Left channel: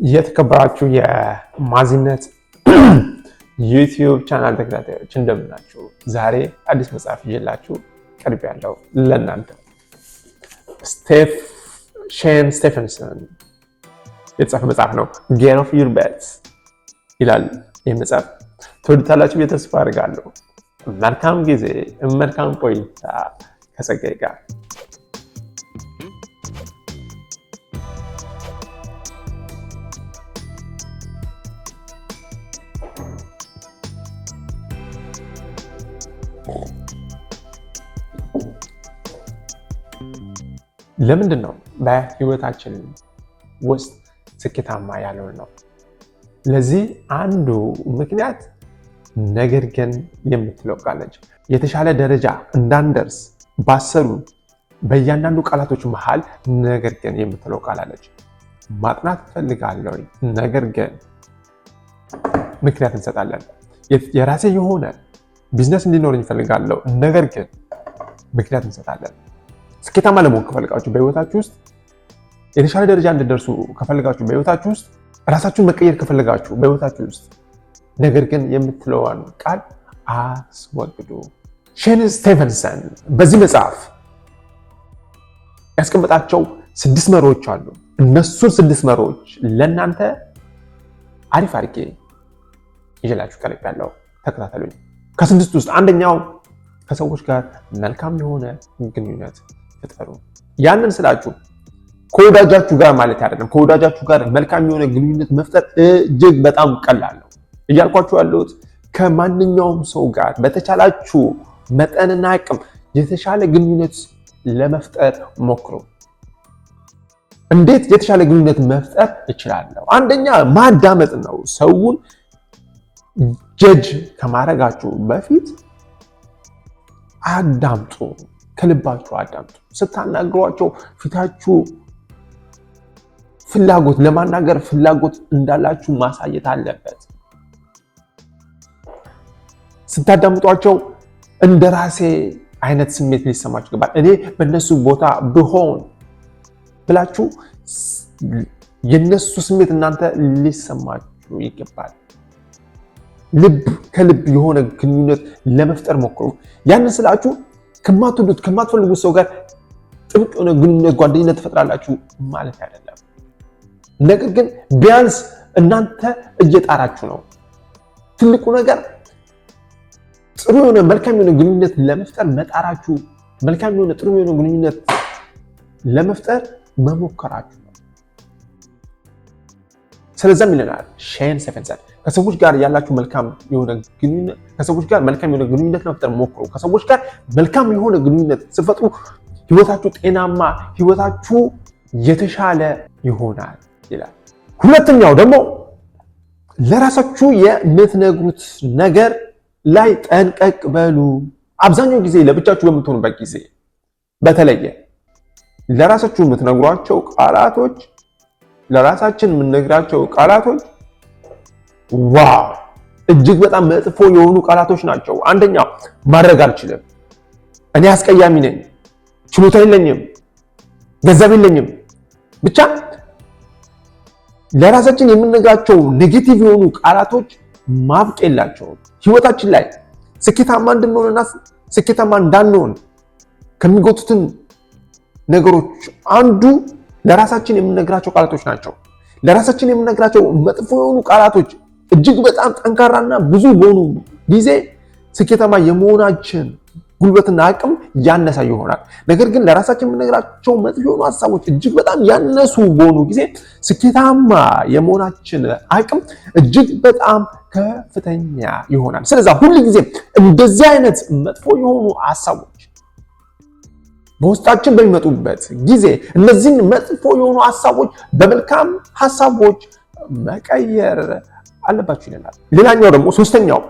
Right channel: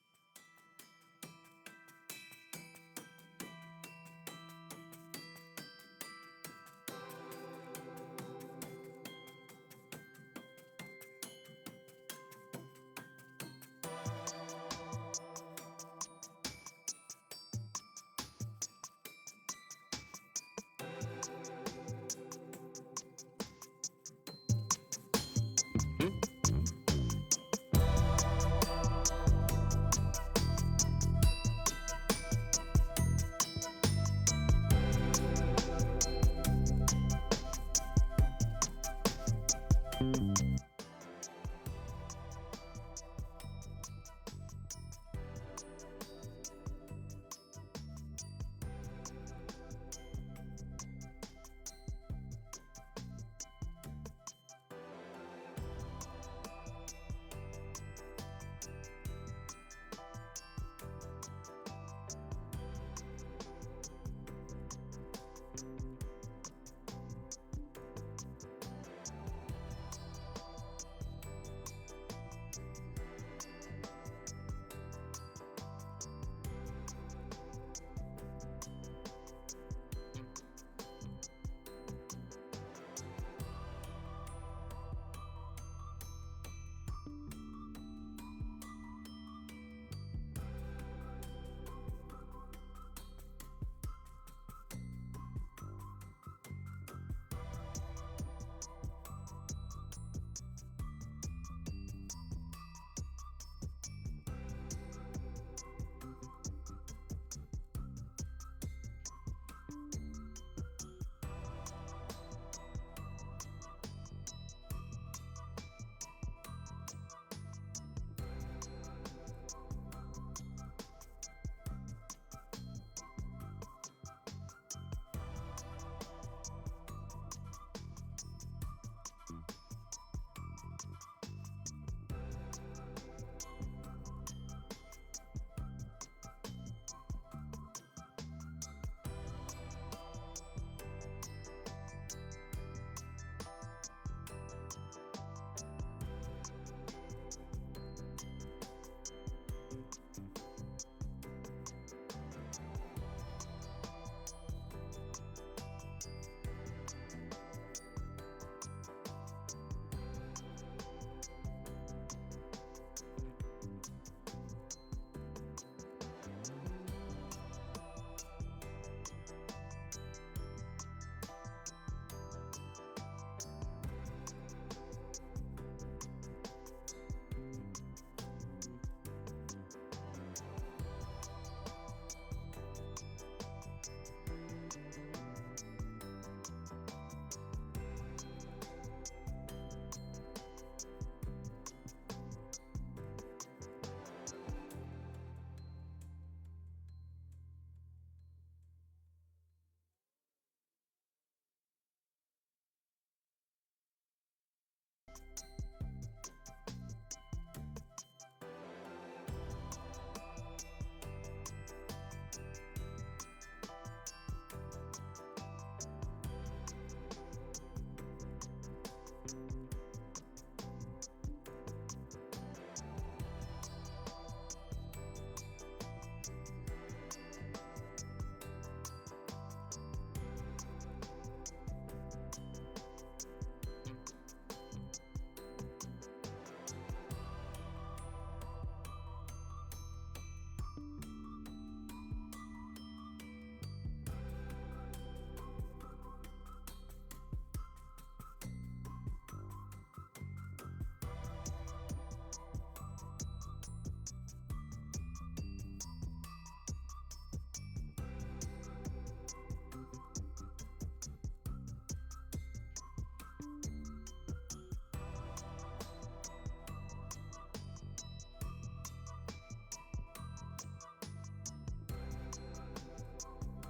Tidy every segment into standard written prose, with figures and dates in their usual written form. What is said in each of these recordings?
የተከበራችሁ የማዚነት ዩቲዩብ ቻናል ተከታታዮች እንደምናችሁ። ዛሬ አዲስ መጽሐፍ ይዤላችሁ ቀርቤያለሁ ለእናንተ። ሼን ስቴፈንሰን የተጻፈ መጽሐፍ ነው። ጌት ኦፍ ዩር ቤት ይላል። ይህ መጽሐፍ ትወዱታላችሁ ብዬ ተስፋ አድርጋለሁ። መልካም ጊዜ፣ መልካም ቆይታ ከጸጋዬ ጋር። ለምንድን ነው በህይወታችን ውስጥ ስኬታማ ያልሆን ነው? ለዚህ አንዱ ምክንያት ነገር ግን የምትለው ቃል ነች። የተሻለ ደረጃ እንዳንደርስ ባሰሩ በእያንዳንዱ ቃላቶች መሃል ነገር ግን የምትለው ቃል አለች። ማጥናት እፈልጋለሁ፣ ነገር ግን ምክንያት እንሰጣለን። የራሴ የሆነ ቢዝነስ እንዲኖረኝ እፈልጋለሁ፣ ነገር ግን ምክንያት እንሰጣለን። ስኬታማ ለመሆን ከፈልጋችሁ በህይወታችሁ ውስጥ የተሻለ ደረጃ እንድትደርሱ ከፈልጋችሁ በህይወታችሁ ውስጥ ራሳችሁን መቀየር ከፈልጋችሁ በህይወታችሁ ውስጥ ነገር ግን የምትለዋን ቃል አስወግዱ። ሼን ስቴፈንሰን በዚህ መጽሐፍ ያስቀመጣቸው 6 መርሆች አሉ። እነሱን 6 መርሆች ለእናንተ አሪፍ አድርጌ ይዤላችሁ ቀርቤያለሁ። ተከታተሉኝ። ከ6 ውስጥ አንደኛው ከሰዎች ጋር መልካም የሆነ ግንኙነት ፍጠሩ። ያንን ስላችሁ ከወዳጃችሁ ጋር ማለት አይደለም። ከወዳጃችሁ ጋር መልካም የሆነ ግንኙነት መፍጠር እጅግ በጣም ቀላል ነው እያልኳችሁ ያለሁት። ከማንኛውም ሰው ጋር በተቻላችሁ መጠንና አቅም የተሻለ ግንኙነት ለመፍጠር ሞክሩ። እንዴት የተሻለ ግንኙነት መፍጠር እችላለሁ? አንደኛ ማዳመጥ ነው። ሰውን ጀጅ ከማድረጋችሁ በፊት አዳምጡ። ከልባችሁ አዳምጡ። ስታናግሯቸው ፊታችሁ ፍላጎት ለማናገር ፍላጎት እንዳላችሁ ማሳየት አለበት። ስታዳምጧቸው እንደ ራሴ አይነት ስሜት ሊሰማችሁ ይገባል። እኔ በእነሱ ቦታ ብሆን ብላችሁ የነሱ ስሜት እናንተ ሊሰማችሁ ይገባል። ልብ ከልብ የሆነ ግንኙነት ለመፍጠር ሞክሩ። ያንን ስላችሁ ከማትወዱት ከማትፈልጉት ሰው ጋር ጥብቅ የሆነ ግንኙነት ጓደኝነት ትፈጥራላችሁ ማለት አይደለም። ነገር ግን ቢያንስ እናንተ እየጣራችሁ ነው። ትልቁ ነገር ጥሩ የሆነ መልካም የሆነ ግንኙነት ለመፍጠር መጣራችሁ፣ መልካም የሆነ ጥሩ የሆነ ግንኙነት ለመፍጠር መሞከራችሁ ነው። ስለዛም ይለናል ሼን ስቴፈንሰን ከሰዎች ጋር ያላችሁ መልካም የሆነ ግንኙነት ከሰዎች ጋር መልካም የሆነ ግንኙነት ለመፍጠር ሞክሩ። ከሰዎች ጋር መልካም የሆነ ግንኙነት ስትፈጥሩ ህይወታችሁ ጤናማ፣ ህይወታችሁ የተሻለ ይሆናል ይላል። ሁለተኛው ደግሞ ለራሳችሁ የምትነግሩት ነገር ላይ ጠንቀቅ በሉ። አብዛኛው ጊዜ ለብቻችሁ በምትሆኑበት ጊዜ በተለየ ለራሳችሁ የምትነግሯቸው ቃላቶች ለራሳችን የምንነግራቸው ቃላቶች ዋው እጅግ በጣም መጥፎ የሆኑ ቃላቶች ናቸው። አንደኛው ማድረግ አልችልም፣ እኔ አስቀያሚ ነኝ፣ ችሎታ የለኝም፣ ገንዘብ የለኝም። ብቻ ለራሳችን የምንነግራቸው ኔጌቲቭ የሆኑ ቃላቶች ማብቅ የላቸውም። ህይወታችን ላይ ስኬታማ እንድንሆንና ስኬታማ እንዳንሆን ከሚጎቱትን ነገሮች አንዱ ለራሳችን የምንነግራቸው ቃላቶች ናቸው። ለራሳችን የምንነግራቸው መጥፎ የሆኑ ቃላቶች እጅግ በጣም ጠንካራና ብዙ በሆኑ ጊዜ ስኬታማ የመሆናችን ጉልበትና አቅም ያነሳ ይሆናል። ነገር ግን ለራሳችን የምንነግራቸው መጥፎ የሆኑ ሀሳቦች እጅግ በጣም ያነሱ በሆኑ ጊዜ ስኬታማ የመሆናችን አቅም እጅግ በጣም ከፍተኛ ይሆናል። ስለዚህ ሁሉ ጊዜ እንደዚህ አይነት መጥፎ የሆኑ ሀሳቦች በውስጣችን በሚመጡበት ጊዜ እነዚህን መጥፎ የሆኑ ሀሳቦች በመልካም ሀሳቦች መቀየር አለባችሁ ይላል። ሌላኛው ደግሞ ሶስተኛው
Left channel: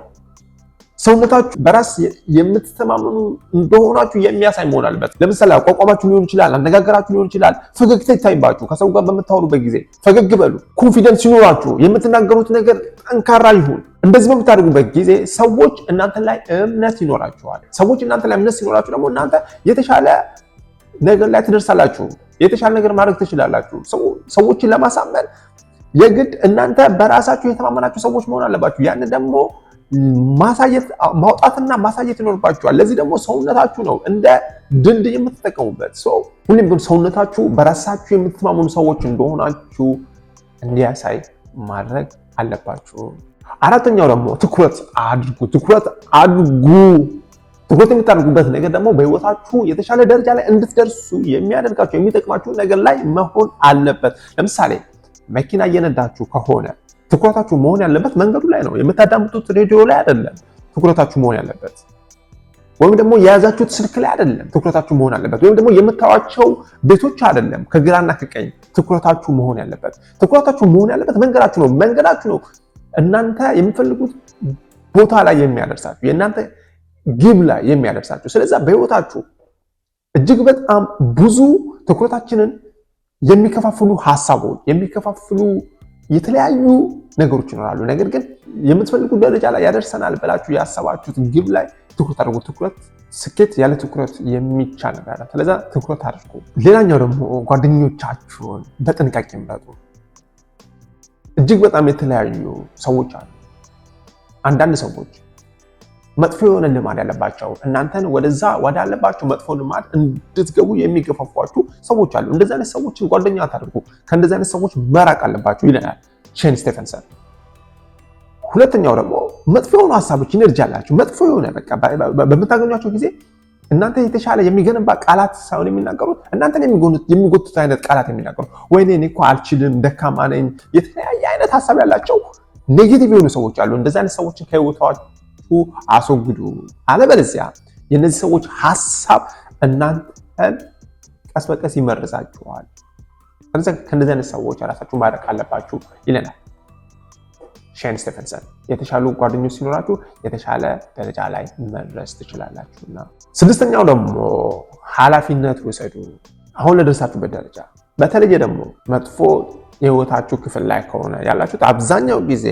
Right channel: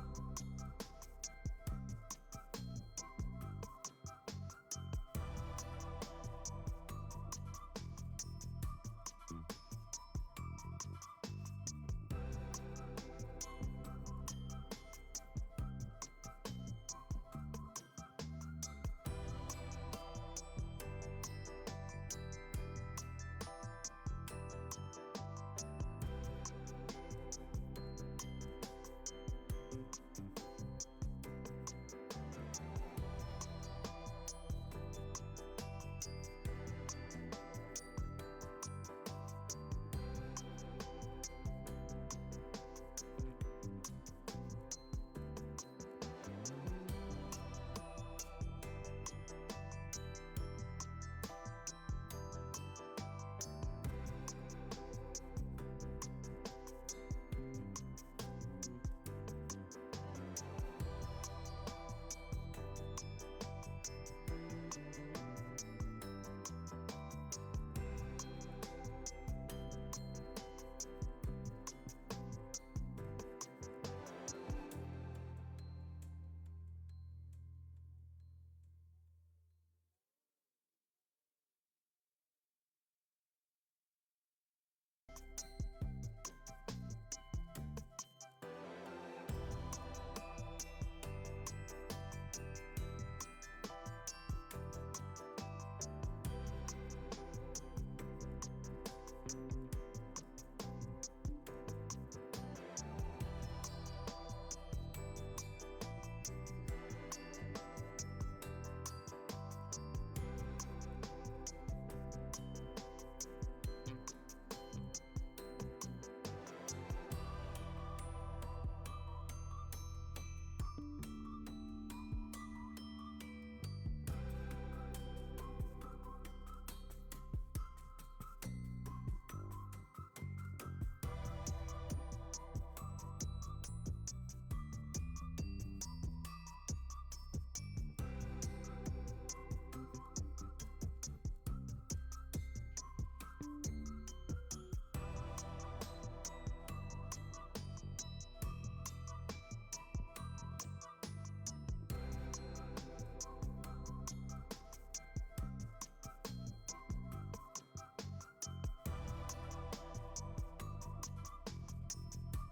ሰውነታችሁ በራስ የምትተማመኑ እንደሆናችሁ የሚያሳይ መሆን አለበት። ለምሳሌ አቋቋማችሁ ሊሆን ይችላል፣ አነጋገራችሁ ሊሆን ይችላል። ፈገግታ ይታይባችሁ። ከሰው ጋር በምታወሩበት ጊዜ ፈገግ በሉ። ኮንፊደንስ ይኖራችሁ። የምትናገሩት ነገር ጠንካራ ይሁን። እንደዚህ በምታደርጉበት ጊዜ ሰዎች እናንተ ላይ እምነት ይኖራችኋል። ሰዎች እናንተ ላይ እምነት ሲኖራችሁ ደግሞ እናንተ የተሻለ ነገር ላይ ትደርሳላችሁ። የተሻለ ነገር ማድረግ ትችላላችሁ። ሰዎችን ለማሳመን የግድ እናንተ በራሳችሁ የተማመናችሁ ሰዎች መሆን አለባችሁ። ያን ደግሞ ማውጣትና ማሳየት ይኖርባችኋል። ለዚህ ደግሞ ሰውነታችሁ ነው እንደ ድልድይ የምትጠቀሙበት። ሁሌም ግን ሰውነታችሁ በራሳችሁ የምትማመኑ ሰዎች እንደሆናችሁ እንዲያሳይ ማድረግ አለባችሁ። አራተኛው ደግሞ ትኩረት አድርጉ። ትኩረት የምታደርጉበት ነገር ደግሞ በህይወታችሁ የተሻለ ደረጃ ላይ እንድትደርሱ የሚያደርጋችሁ የሚጠቅማችሁ ነገር ላይ መሆን አለበት። ለምሳሌ መኪና እየነዳችሁ ከሆነ ትኩረታችሁ መሆን ያለበት መንገዱ ላይ ነው። የምታዳምጡት ሬዲዮ ላይ አይደለም ትኩረታችሁ መሆን ያለበት፣ ወይም ደግሞ የያዛችሁት ስልክ ላይ አይደለም ትኩረታችሁ መሆን ያለበት፣ ወይም ደግሞ የምታዩዋቸው ቤቶች አይደለም ከግራና ከቀኝ ትኩረታችሁ መሆን ያለበት። ትኩረታችሁ መሆን ያለበት መንገዳችሁ ነው እናንተ የምትፈልጉት ቦታ ላይ የሚያደርሳችሁ፣ የእናንተ ግብ ላይ የሚያደርሳችሁ። ስለዚህ በህይወታችሁ እጅግ በጣም ብዙ ትኩረታችንን የሚከፋፍሉ ሀሳቦች፣ የሚከፋፍሉ የተለያዩ ነገሮች ይኖራሉ። ነገር ግን የምትፈልጉት ደረጃ ላይ ያደርሰናል ብላችሁ ያሰባችሁት ግብ ላይ ትኩረት አድርጉ። ስኬት ያለ ትኩረት የሚቻል ነገር። ስለዚህ ትኩረት አድርጉ። ሌላኛው ደግሞ ጓደኞቻችሁን በጥንቃቄ ምረጡ። እጅግ በጣም የተለያዩ ሰዎች አሉ። አንዳንድ ሰዎች መጥፎ የሆነ ልማድ ያለባቸው እናንተን ወደዛ ወዳለባቸው መጥፎ ልማድ እንድትገቡ የሚገፋፏችሁ ሰዎች አሉ። እንደዚህ አይነት ሰዎችን ጓደኛ አታድርጉ። ከእንደዚህ አይነት ሰዎች መራቅ አለባችሁ ይለናል ሼን ስቴፈንሰን። ሁለተኛው ደግሞ መጥፎ የሆኑ ሀሳቦች ኢነርጂ አላቸው። መጥፎ የሆነ በቃ በምታገኟቸው ጊዜ እናንተ የተሻለ የሚገነባ ቃላት ሳይሆን የሚናገሩት እናንተን የሚጎቱት አይነት ቃላት የሚናገሩት፣ ወይኔ እኔ እኮ አልችልም፣ ደካማ ነኝ፣ የተለያየ አይነት ሀሳብ ያላቸው ኔጌቲቭ የሆኑ ሰዎች አሉ። እንደዚህ አይነት ሰዎችን ከህይወታችሁ አስወግዱ። አለበለዚያ የነዚህ ሰዎች ሀሳብ እናንተን ቀስ በቀስ ይመርዛችኋል። ከእንደዚህ አይነት ሰዎች ራሳችሁ ማድረግ አለባችሁ ይለናል ሼን ስቴፈንሰን። የተሻሉ ጓደኞች ሲኖራችሁ የተሻለ ደረጃ ላይ መድረስ ትችላላችሁና። ስድስተኛው ደግሞ ኃላፊነት ውሰዱ። አሁን ለደረሳችሁበት ደረጃ በተለየ ደግሞ መጥፎ የህይወታችሁ ክፍል ላይ ከሆነ ያላችሁት አብዛኛው ጊዜ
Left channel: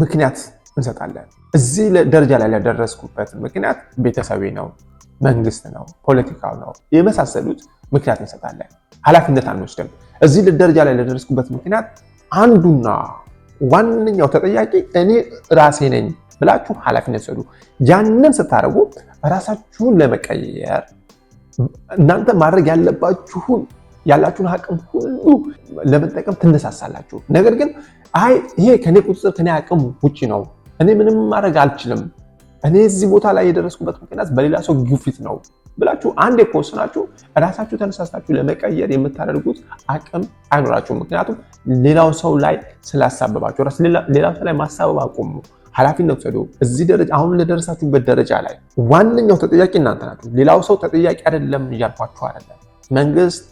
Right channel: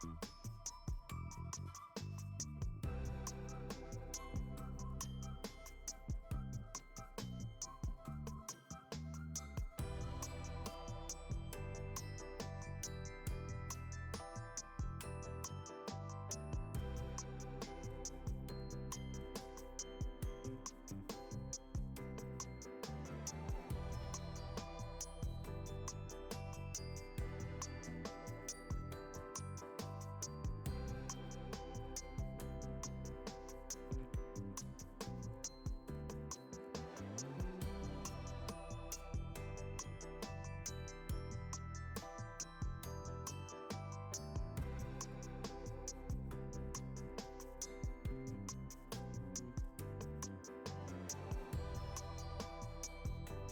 ምክንያት እንሰጣለን። እዚህ ደረጃ ላይ ለደረስኩበት ምክንያት ቤተሰቤ ነው፣ መንግስት ነው፣ ፖለቲካው ነው የመሳሰሉት ምክንያት እንሰጣለን። ኃላፊነት አንወስድም። እዚህ ደረጃ ላይ ለደረስኩበት ምክንያት አንዱና ዋነኛው ተጠያቂ እኔ ራሴ ነኝ ብላችሁ ኃላፊነት ወስዱ። ያንን ስታደርጉ ራሳችሁን ለመቀየር እናንተ ማድረግ ያላችሁን አቅም ሁሉ ለመጠቀም ትነሳሳላችሁ። ነገር ግን ይሄ ከኔ ቁጥጥር ከኔ አቅም ውጪ ነው፣ እኔ ምንም ማድረግ አልችልም፣ እኔ እዚህ ቦታ ላይ የደረስኩበት ምክንያት በሌላ ሰው ግፊት ነው ብላችሁ አንድ የወሰናችሁ ራሳችሁ ተነሳሳችሁ ለመቀየር የምታደርጉት አቅም አይኖራችሁም። ምክንያቱም ሌላው ሰው ላይ ስላሳበባችሁ ሌላው ሰው ላይ ማሳበብ አቁሙ። ኃላፊነት ወሰዱ። እዚህ ደረጃ አሁን ለደረሳችሁበት ደረጃ ላይ ዋነኛው ተጠያቂ እናንተ ናችሁ። ሌላው ሰው ተጠያቂ አይደለም እያልኳችሁ አይደለም። መንግስት፣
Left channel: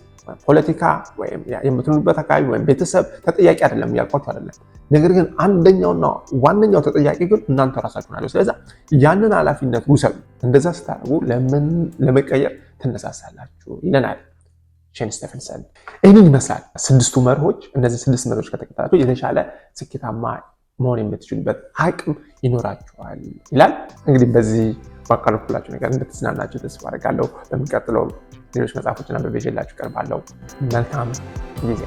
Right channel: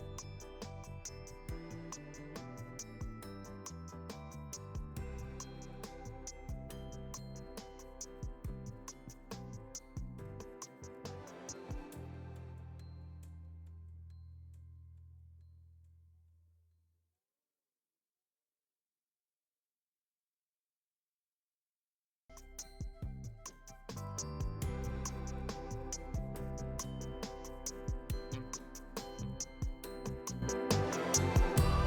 ፖለቲካ ወይም የምትኖሩበት አካባቢ ወይም ቤተሰብ ተጠያቂ አይደለም እያልኳችሁ አይደለም። ነገር ግን አንደኛውና ዋነኛው ተጠያቂ ግን እናንተ ራሳችሁ ናችሁ። ስለዚህ ያንን ኃላፊነት ውሰዱ። እንደዛ ስታደርጉ ለመቀየር ትነሳሳላችሁ ይለናል ሼን ስቴፈንሰን። ይህንን ይመስላል ስድስቱ መርሆች። እነዚህ ስድስት መርሆች ከተከተላችሁ የተሻለ ስኬታማ መሆን የምትችሉበት አቅም ይኖራችኋል ይላል። እንግዲህ በዚህ ባካፈልኩላችሁ ነገር እንድትዝናናችሁ ተስፋ አደርጋለሁ። በሚቀጥለው ሌሎች መጽሐፎችን አንብቤ ይዤላችሁ እቀርባለሁ። መልካም ጊዜ